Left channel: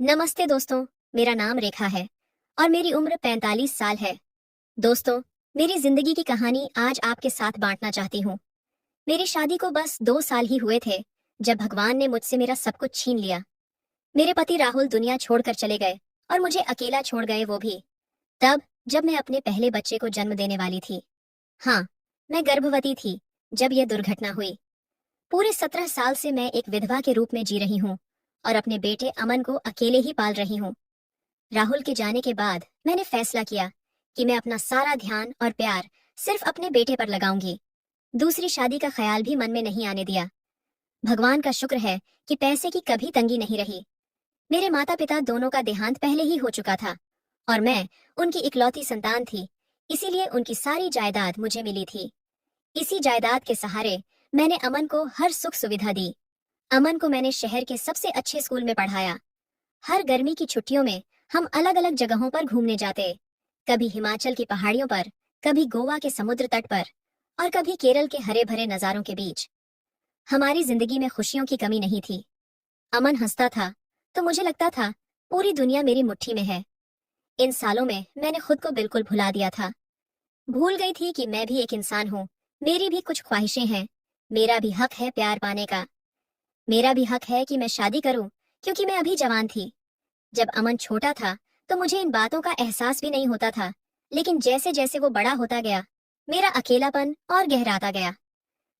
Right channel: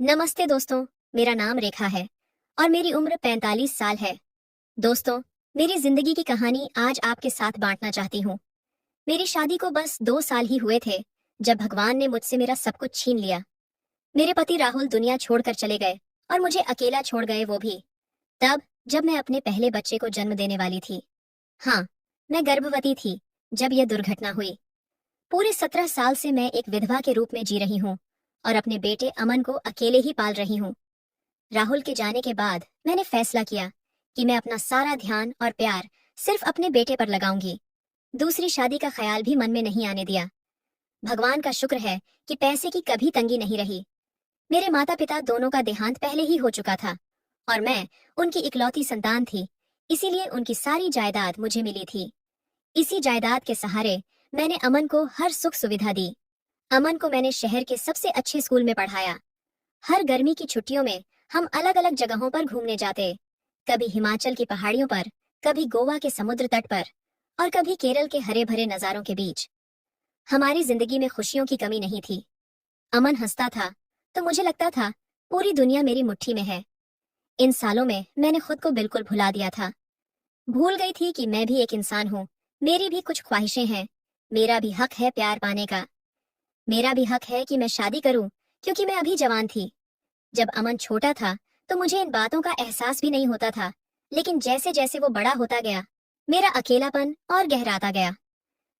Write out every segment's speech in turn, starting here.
नमस्ते दोस्तों। मेरा नाम रेखा है और मेरी उम्र 45 साल है। दोस्तों, मेरी जिंदगी की कहानी आज आपके साथ बांटना चाहती हूँ। मेरी शादी को बस 2 साल ही हुए थे जब भगवान ने मुझसे मेरा सब कुछ छीन लिया। मेरे पति राहुल दुनिया छोड़कर चले गए और मुझे अकेला छोड़ गए, वो भी तब जब मैं अपने पहले बच्चे को जन्म देने वाली थी। हाँ, मैं गर्भवती थी जब यह दुर्घटना हुई। पूरे 17 साल से मैं एक विधवा के रूप में जी रही हूँ और अपने बेटे अमन को अकेले ही पाल रही हूँ। राहुल के जाने के बाद मैंने फैसला किया कि मैं अपना सारा ध्यान और प्यार सिर्फ अपने बेटे पर लगाऊंगी। दूसरी शादी का ख्याल भी मन में नहीं आने दिया। भगवान का शुक्र है कि पैसे की कभी तंगी नहीं रही। मेरे माता पिता दोनों का देहांत पहले ही हो चुका था और मैं उनकी इकलौती संतान थी, इसीलिए उनकी सारी जायदाद मुझे मिली थी। इसी जायदाद के सहारे मैंने अमन को हर सुख सुविधा दी। अमन को मैंने शहर के सबसे अच्छे स्कूल में पढ़ाया। हर गर्मी की छुट्टियों में हम अलग अलग जगहों पर घूमने जाते। कभी हिमाचल की पहाड़ियों पर, कभी गोवा के समुद्र तट पर और कभी केरल के हरे भरे नजारों के बीच। हमारी जिंदगी में खुशियों की कमी नहीं थी। अमन हंसता था तो मुझे लगता था पूरी दुनिया मेरी मुट्ठी में है। इन सालों में मैंने खुद को बिल्कुल भुला दिया था। भूल गई थी कि मैं भी एक इंसान हूँ। मेरी भी कुछ ख्वाहिशें हैं। मेरा भी हक है प्यार पाने का। मेरा भी हक है कि मैं शादी करूं, क्योंकि मैं अभी जवान थी। जब अमन छोटा था तो मुझे इन बातों का एहसास भी नहीं होता था, लेकिन जैसे जैसे वो बड़ा होता गया, मेरा अकेलापन और गहराता गया।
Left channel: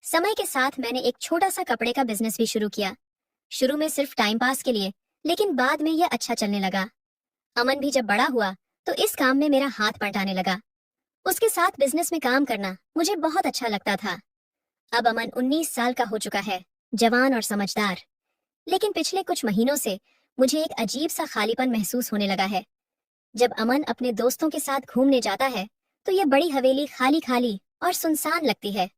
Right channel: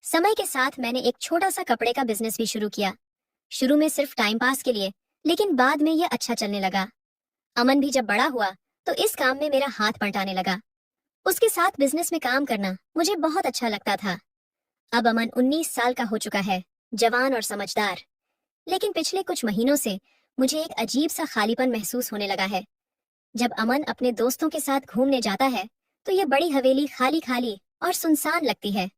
समय के साथ मैंने एक छोटा सा कपड़े का बिजनेस भी शुरू किया। शुरू में सिर्फ टाइम पास के लिए, लेकिन बाद में यह अच्छा चलने लगा। अमन भी जब बड़ा हुआ तो इस काम में मेरा हाथ बंटाने लगा। उसके साथ बिजनेस में काम करना मुझे बहुत अच्छा लगता था। अब अमन 19 साल का हो चुका है, जवान और समझदार। लेकिन पिछले कुछ महीनों से मुझे एक अजीब सा खालीपन महसूस होने लगा है। जब अमन अपने दोस्तों के साथ घूमने जाता है तो यह बड़ी हवेली खाली खाली और सुनसान लगती है।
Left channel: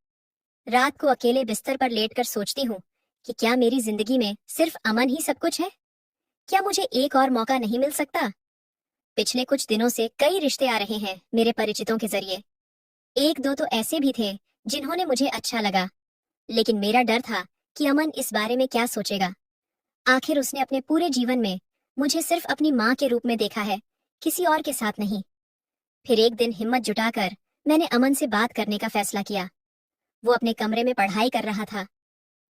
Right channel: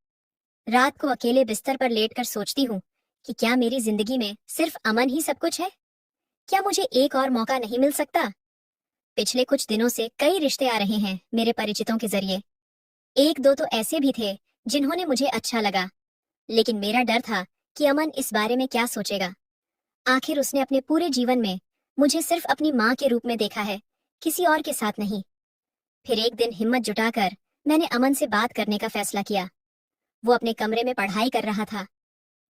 रात को अकेले बिस्तर पर लेटकर सोचती हूँ कि क्या मेरी जिंदगी में सिर्फ अमन ही सब कुछ है? क्या मुझे एक और मौका नहीं मिल सकता? पिछले कुछ दिनों से कई रिश्ते आ रहे हैं मेरे परिचितों के जरिए। एक दो तो ऐसे भी थे जिन्होंने मुझे अच्छा लगा, लेकिन मेरा डर था कि अमन इस बारे में क्या सोचेगा। आखिर उसने अपने पूरे जीवन में मुझे सिर्फ अपनी माँ के रूप में देखा है, किसी और के साथ नहीं। फिर एक दिन हिम्मत जुटाकर मैंने अमन से बात करने का फैसला किया। वो अपने कमरे में पढ़ाई कर रहा था।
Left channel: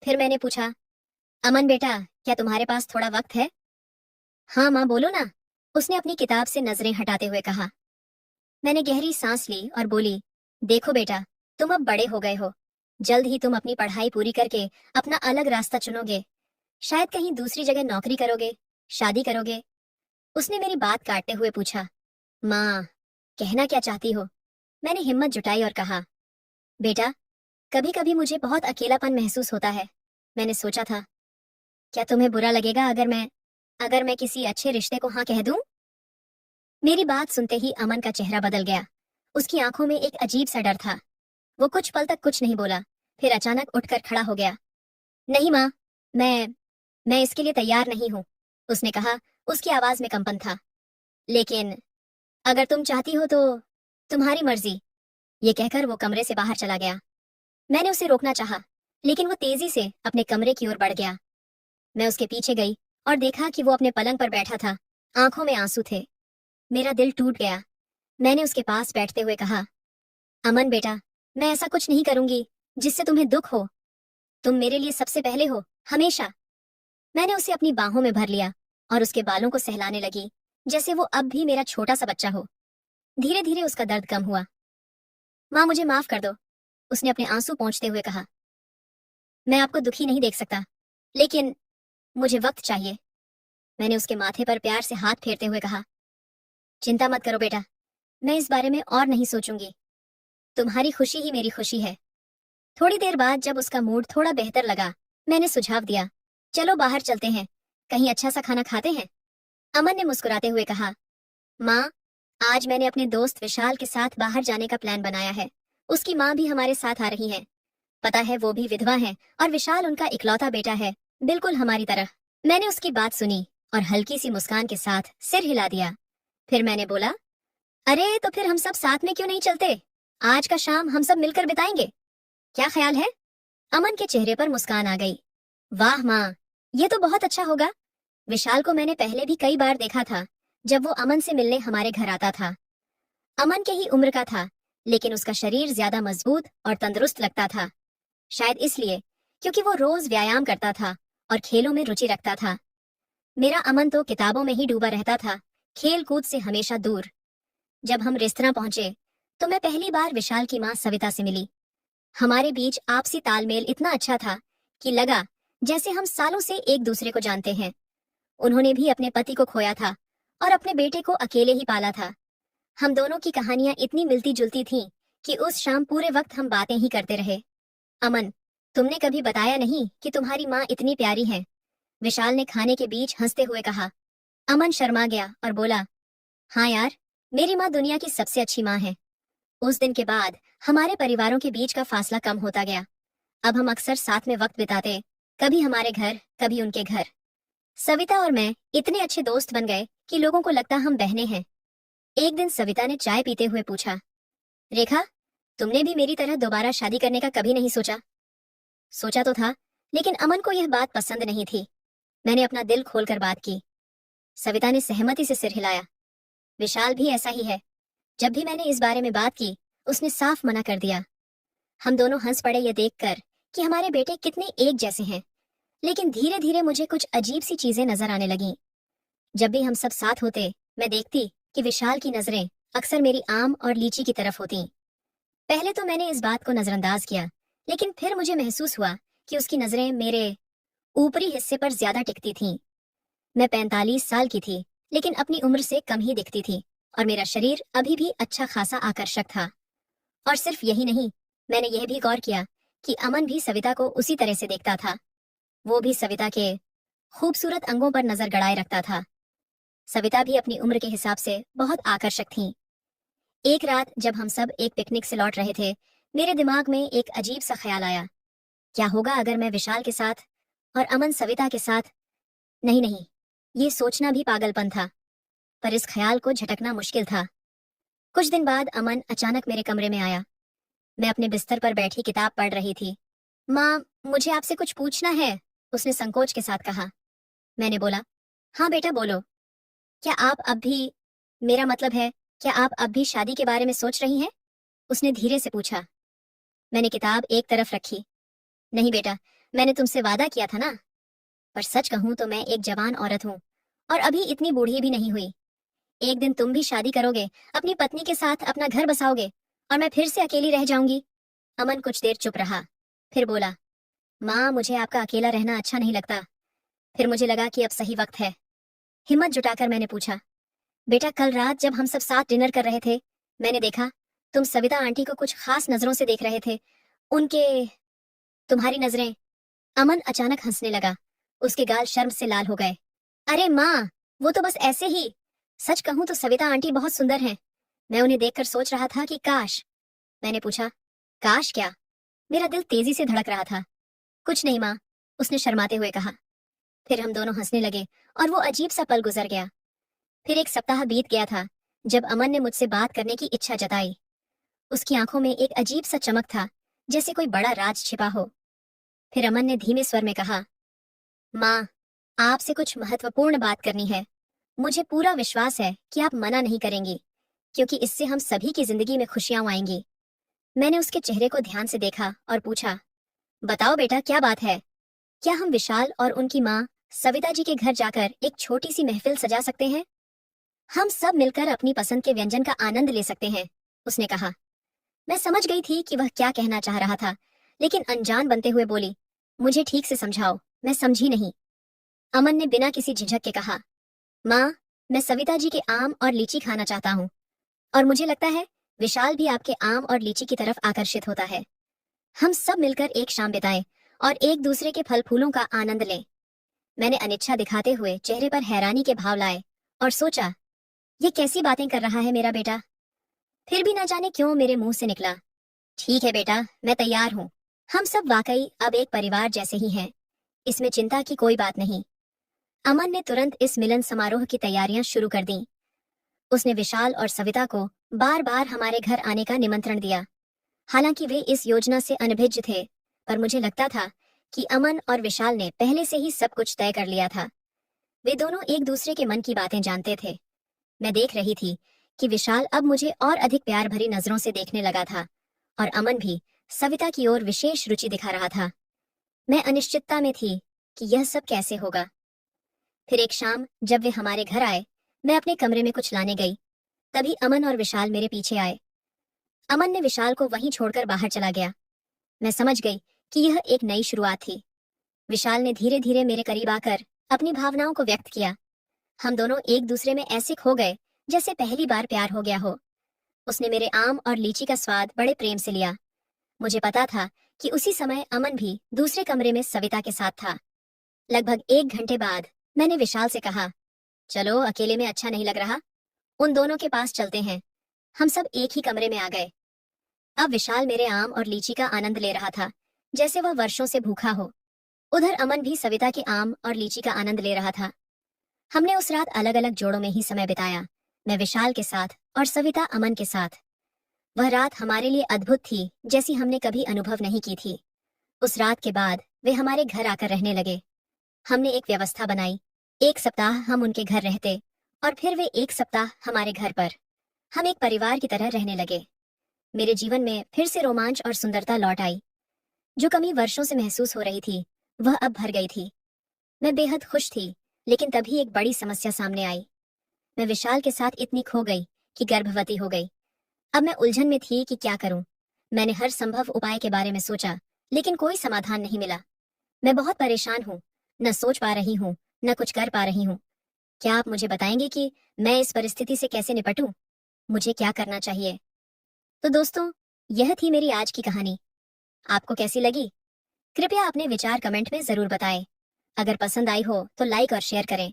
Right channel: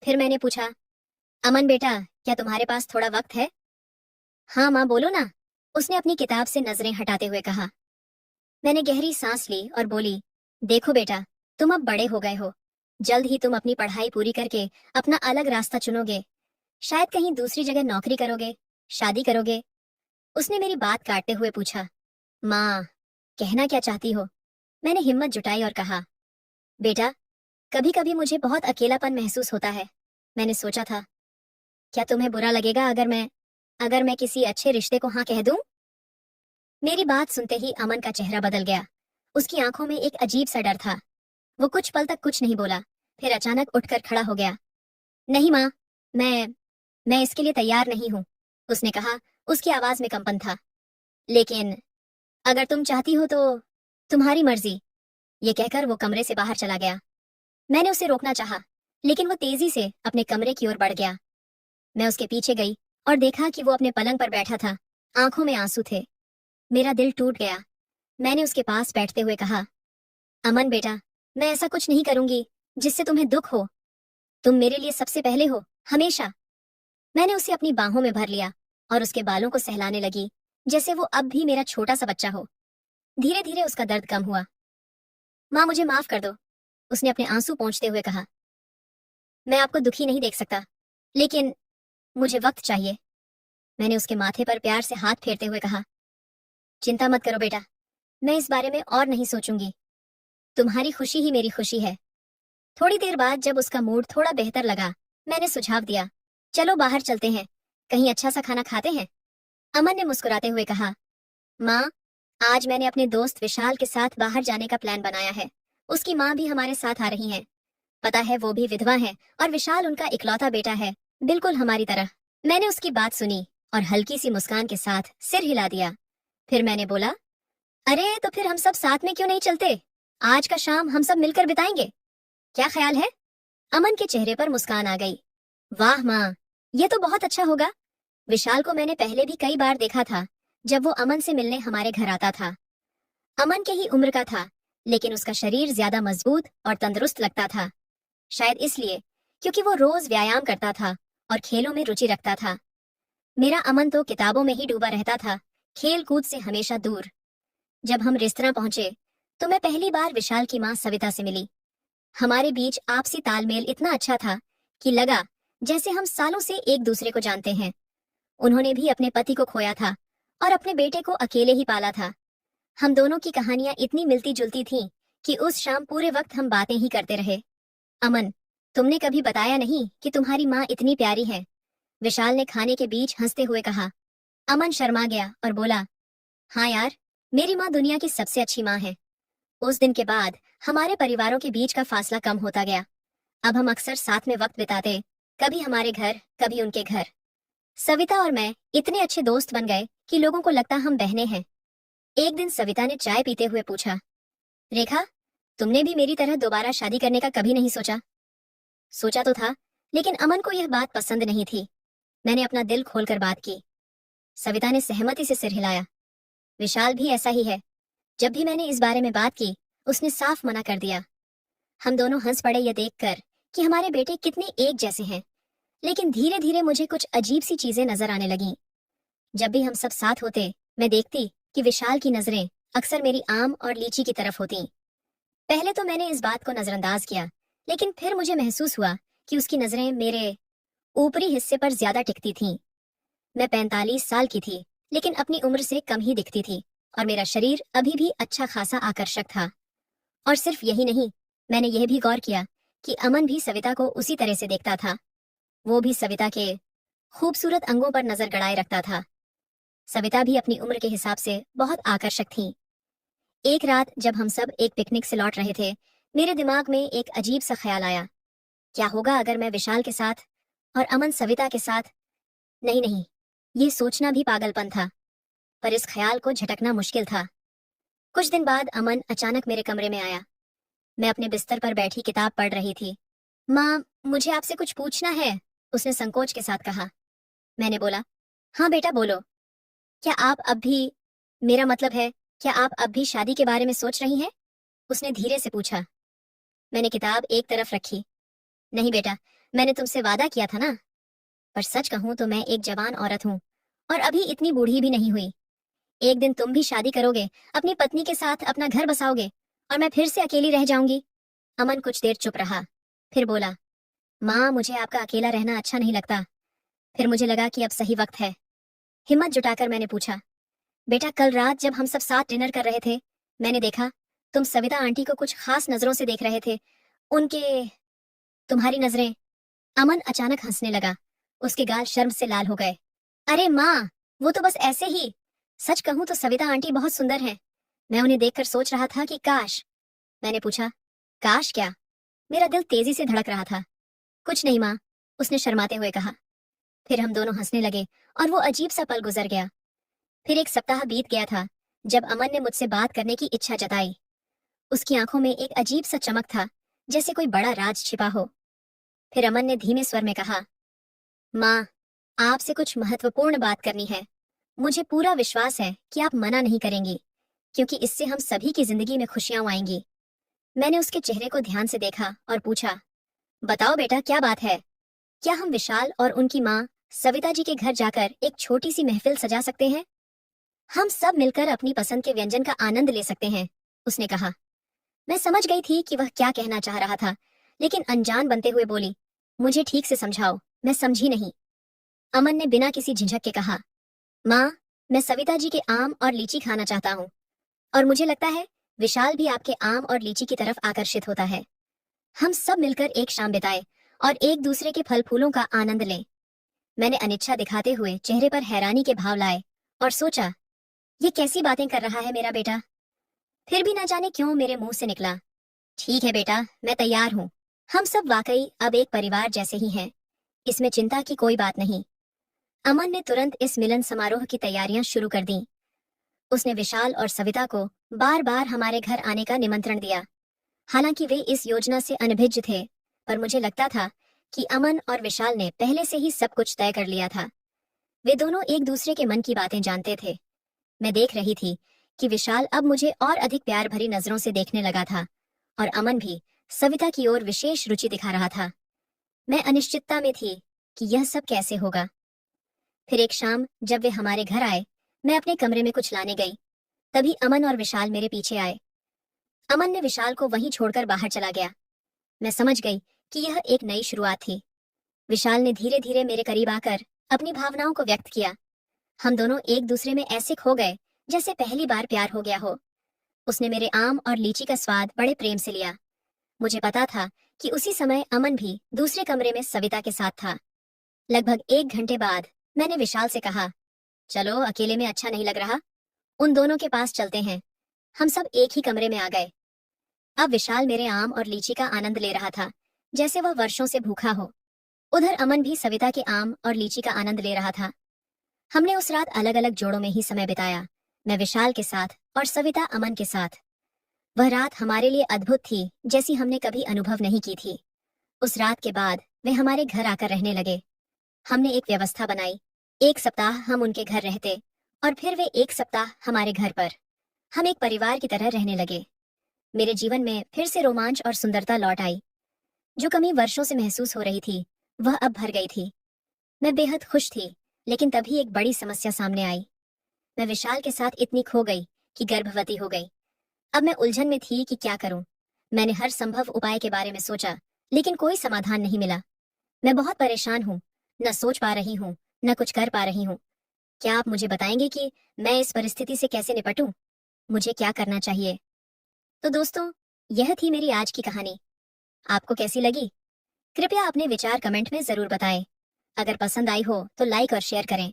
फिर मैंने पूछा, अमन बेटा, क्या तुम्हारे पास थोड़ा वक्त है? हाँ माँ, बोलो ना, उसने अपनी किताब से नजरें हटाते हुए कहा। मैंने गहरी सांस ली और बोली, देखो बेटा, तुम अब बड़े हो गए हो। जल्द ही तुम अपनी पढ़ाई पूरी करके अपना अलग रास्ता चुनोगे। शायद कहीं दूसरी जगह नौकरी करोगे, शादी करोगे। उसने मेरी बात काटते हुए पूछा, माँ, कहना क्या चाहती हो? मैंने हिम्मत जुटाई और कहा, बेटा, कभी कभी मुझे बहुत अकेलापन महसूस होता है। मैंने सोचा था, क्या तुम्हें बुरा लगेगा अगर मैं किसी अच्छे रिश्ते को हाँ कह दूं? मेरी बात सुनते ही अमन का चेहरा बदल गया। उसकी आंखों में एक अजीब सा डर था। वो कुछ पल तक कुछ नहीं बोला, फिर अचानक उठकर खड़ा हो गया। नहीं माँ, मैं मैं इसके लिए तैयार नहीं हूँ, उसने कहा। उसकी आवाज में कंपन था। लेकिन अगर तुम चाहती हो तो तुम्हारी मर्जी, ये कहकर वो कमरे से बाहर चला गया। मैंने उसे रोकना चाहा, लेकिन वो तेजी से अपने कमरे की ओर बढ़ गया। मैं उसके पीछे गई और देखा कि वो अपने पलंग पर बैठा था। आंखों में आंसू थे। मेरा दिल टूट गया। मैंने उसके पास बैठते हुए कहा, अमन बेटा, मैं ऐसा कुछ नहीं करूंगी जिससे तुम्हें दुख हो। तुम मेरे लिए सबसे पहले हो, हमेशा। मैंने उसे अपनी बाहों में भर लिया और उसके बालों को सहलाने लगी, जैसे वो अब भी मेरा छोटा सा बच्चा हो। धीरे धीरे उसका दर्द कम हुआ। माँ, मुझे माफ कर दो, उसने अपने आंसू पोंछते हुए कहा। मैं आपको दुखी नहीं देख सकता, लेकिन मुझे वक्त चाहिए। मैंने उसके माथे पर प्यार से हाथ फेरते हुए कहा, चिंता मत करो बेटा, मैं इस बारे में और नहीं सोचूंगी। तुम्हारी खुशी ही मेरी खुशी है। थोड़ी देर बाद जब उसका मूड थोड़ा बेहतर लगा, मैंने सुझाव दिया, चलो बाहर चलते हैं, कहीं अच्छा सा खाना खाते हैं। अमन ने मुस्कुराते हुए कहा, माँ, आज मैंने अपने दोस्त विशाल के साथ बाहर जाने का प्लान बनाया है। उसकी माँ भी हमारे साथ आ रही है। पता है, वो भी विधवा है और विशाल उनका इकलौता बेटा है, बिल्कुल हमारी तरह। मैंने उसकी बात सुनी और हल्की सी मुस्कान के साथ सिर हिला दिया। फिर मैंने बोला, अरे तो फिर हम सब साथ में क्यों नहीं चलते? आज का शाम हम सब मिलकर बिताएंगे, क्या ख्याल है? अमन के चेहरे पर मुस्कान आ गई। वाह माँ, ये तो बहुत अच्छा होगा। विशाल को मैंने पहले भी कई बार देखा था, जब वो अमन से मिलने हमारे घर आता था। अमन के ही उम्र का था, लेकिन उसका शरीर ज्यादा मजबूत और तंदुरुस्त लगता था। शायद इसलिए क्योंकि वो रोज व्यायाम करता था और खेलों में रुचि रखता था। मेरा अमन तो किताबों में ही डूबा रहता था, खेल कूद से हमेशा दूर। जब हम रेस्तरां पहुंचे तो मैं पहली बार विशाल की मां सविता से मिली। हमारे बीच आपसी तालमेल इतना अच्छा था कि लगा जैसे हम सालों से एक दूसरे को जानते हैं। उन्होंने भी अपने पति को खोया था और अपने बेटे को अकेले ही पाला था। हम दोनों की कहानियां इतनी मिलती जुलती थीं कि उस शाम पूरे वक्त हम बातें ही करते रहे। अमन, तुमने कभी बताया नहीं कि तुम्हारी माँ इतनी प्यारी है, विशाल ने खाने के बीच हंसते हुए कहा। अमन शर्मा गया और बोला, हाँ यार, मेरी माँ दुनिया की सबसे अच्छी माँ है। उस दिन के बाद हमारे परिवारों के बीच का फासला कम होता गया। अब हम अक्सर साथ में वक्त बिताते, कभी हमारे घर, कभी उनके घर। सविता और मैं इतने अच्छे दोस्त बन गए कि लोगों को लगता हम बहनें हैं। एक दिन सविता ने चाय पीते हुए पूछा, रेखा, तुमने भी मेरी तरह दोबारा शादी करने का कभी नहीं सोचा? सोचा तो था, लेकिन अमन को यह बात पसंद नहीं थी। मैंने अपना दिल खोलकर बात की। सविता ने सहमति से सिर हिलाया। विशाल भी ऐसा ही है। जब भी मैंने इस बारे में बात की, उसने साफ मना कर दिया। हम दोनों हंस पड़े ये देखकर कि हमारे बेटे कितने एक जैसे हैं। लेकिन धीरे धीरे मुझे कुछ अजीब सी चीजें नजर आने लगीं। जब भी हम सब साथ होते, मैं देखती कि विशाल की नजरें अक्सर मेरी आम और लीची की तरफ होती। पहले तो मैंने इस बात को नजरअंदाज किया, लेकिन फिर मुझे महसूस हुआ कि उसकी नजरें मेरे ऊपरी हिस्से पर ज्यादा टिकती थीं। मैं 45 साल की थी, लेकिन अपनी उम्र से कम ही दिखती थी और मेरा शरीर अभी भी अच्छा खासा आकर्षक था। और सिर्फ यही नहीं, मैंने यह भी गौर किया कि अमन भी सविता को उसी तरह से देखता था। वो भी सविता के खूबसूरत अंगों पर नजर गड़ाए रखता था। सविता भी अपनी उम्र के हिसाब से बहुत आकर्षक थी। एक रात जब हम सब एक पिकनिक से लौट रहे थे, मेरे दिमाग में एक अजीब सा ख्याल आया। क्या होगा अगर मैं विशाल के साथ और अमन सविता के साथ? नहीं नहीं, ये सोचना भी पागलपन था, पर इस ख्याल को झटकना मुश्किल था। कुछ दिन बाद अमन अचानक मेरे कमरे में आया। मैं अपने बिस्तर पर बैठी किताब पढ़ रही थी। माँ, मुझे आपसे कुछ पूछना है, उसने संकोच के साथ कहा। मैंने बोला, हाँ बेटा बोलो। क्या आप अब भी, मेरा मतलब है, क्या आप अब भी शादी के बारे में सोच रही हैं? उसने धीरे से पूछा। मैंने किताब एक तरफ रखी। नहीं बेटा, मैंने तुमसे वादा किया था ना। पर सच कहूं तो मैं एक जवान औरत हूँ और अभी इतनी बूढ़ी भी नहीं हुई। एक दिन तुम भी शादी करोगे, अपनी पत्नी के साथ अपना घर बसाओगे और मैं फिर से अकेली रह जाऊंगी। अमन कुछ देर चुप रहा, फिर बोला, माँ, मुझे आपका अकेला रहना अच्छा नहीं लगता। फिर मुझे लगा कि अब सही वक्त है। हिम्मत जुटाकर मैंने पूछा, बेटा, कल रात जब हम सब साथ डिनर कर रहे थे, मैंने देखा तुम सविता आंटी को कुछ खास नजरों से देख रहे थे। उनके, तुम्हारी नजरें। अमन अचानक हंसने लगा। उसके गाल शर्म से लाल हो गए। अरे माँ, वो तो बस ऐसे ही। सच कहूं तो सविता आंटी बहुत सुंदर हैं। मैं उन्हें देखकर सोच रहा था कि काश। मैंने पूछा, काश क्या? मेरा दिल तेजी से धड़क रहा था। कुछ नहीं माँ, उसने शर्माते हुए कहा। फिर हम दोनों हंसने लगे और वो अजीब सा पल गुजर गया। फिर एक सप्ताह बीत गया था जब अमन ने मुझसे बात करने की इच्छा जताई। उसकी आंखों में एक अजीब सा चमक था, जैसे कोई बड़ा राज छिपा हो। फिर अमन ने धीमे स्वर में कहा, माँ, आपसे कुछ महत्वपूर्ण बात करनी है। मुझे पूरा विश्वास है कि आप मना नहीं करेंगी, क्योंकि इससे हम सभी की जिंदगी में खुशियां आएंगी। मैंने उसके चेहरे को ध्यान से देखा और पूछा, बताओ बेटा, क्या बात है? क्या हम विशाल और उनकी माँ सविता जी के घर जाकर एक छोटी सी महफिल सजा सकते हैं? हम सब मिलकर अपनी पसंद के व्यंजन का आनंद ले सकते हैं, उसने कहा। मैं समझ गई थी कि वह क्या कहना चाह रहा था, लेकिन अनजान बनते हुए बोली, मुझे ठीक से समझाओ, मैं समझी नहीं। अमन ने बिना किसी झिझक के कहा, माँ, मैं सविता जी के आम और लीची खाना चाहता हूँ, और मुझे लगता है विशाल भी आपके आम और लीची की तरफ आकर्षित होता है। हम सब मिलकर एक शाम बिताए और एक दूसरे के फल फूलों का आनंद लें। मैंने अनिच्छा दिखाते हुए चेहरे पर हैरानी के भाव लाए और सोचा, ये कैसी बातें कर रहा है मेरा बेटा। फिर भी ना जाने क्यों मेरे मुंह से निकला, ठीक है बेटा, मैं तैयार हूँ। हम सब वाकई अब एक परिवार जैसे ही हैं, इसमें चिंता की कोई बात नहीं। अमन ने तुरंत इस मिलन समारोह की तैयारियां शुरू कर दी। उसने विशाल और सविता को बार बार हमारे घर आने का निमंत्रण दिया। हालांकि वे इस योजना से अनभिज्ञ थे, पर मुझे लगता था कि अमन और विशाल ने पहले से ही सब कुछ तय कर लिया था। वे दोनों एक दूसरे के मन की बातें जानते थे। मैं देख रही थी कि विशाल अब मुझे और अधिक प्यार भरी नजरों से देखने लगा था और अमन भी सविता की ओर विशेष रुचि दिखा रहा था। मैं अनिश्चितता में थी कि यह सब कैसे होगा। फिर एक शाम जब वे हमारे घर आए, मैं अपने कमरे में कुछ लाने गई। तभी अमन और विशाल मेरे पीछे आए। अमन ने विशाल को वहीं छोड़कर बाहर चला गया। मैं समझ गई कि यह एक नई शुरुआत थी। विशाल ने धीरे धीरे मेरे करीब आकर अपनी भावनाओं को व्यक्त किया। हम दोनों एक दूसरे में ऐसे खो गए जैसे पहली बार प्यार हो गया हो। उसने मेरे आम और लीची का स्वाद बड़े प्रेम से लिया। मुझे पता था कि उसी समय अमन भी दूसरे कमरे में सविता के साथ था। लगभग 1 घंटे बाद मैंने विशाल से कहा, चलो अकेले में अच्छा नहीं लग रहा, उन दोनों के पास चलते हैं। हम सब एक ही कमरे में आ गए। अब विशाल मेरे आम और लीची का आनंद ले रहा था जैसे वह वर्षों से भूखा हो। उधर अमन भी सविता के आम और लीची का आनंद ले रहा था। हमने उस रात अलग अलग जोड़ों में ही समय बिताया, मैं विशाल के साथ और सविता अमन के साथ। वह रात हमारे लिए अद्भुत थी, जैसी हमने कभी अनुभव नहीं की थी। उस रात के बाद वे हमारे घर आकर रहने लगे। हमने एक व्यवस्था बनाई। 1 सप्ताह हम उनके घर रहते और फिर वे 1 सप्ताह हमारे घर पर। हम एक परिवार की तरह रहने लगे। मेरे जीवन में फिर से रोमांच और सुंदरता लौट आई। जो कमी वर्षों से महसूस हो रही थी वह अब भर गई थी। मैं बेहद खुश थी, लेकिन तभी एक बड़ी समस्या सामने आई। मैं विशाल के साथ इतनी खो गई कि गर्भवती हो गई। अब मैं उलझन में थी कि क्या करूं। मैंने हर संभव उपाय के बारे में सोचा, लेकिन कोई समाधान नहीं मिला। मैं बहुत परेशान हूँ, न सोच पा रही हूँ, न कुछ कर पा रही हूँ। क्या आप मुझे बताएंगे कि मैं इस परिस्थिति से कैसे निपटूं? मुझे क्या करना चाहिए? तो दोस्तों, यह थी मेरी आज की कहानी। आपको कैसी लगी? कृपया अपने विचार कमेंट में जरूर बताएं। अगर पसंद आई हो तो लाइक और शेयर करें।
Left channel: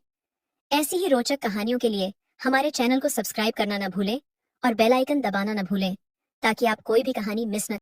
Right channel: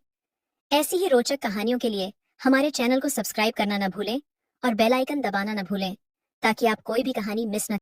ऐसी ही रोचक कहानियों के लिए हमारे चैनल को सब्सक्राइब करना न भूलें और बेल आइकन दबाना न भूलें, ताकि आप कोई भी कहानी मिस न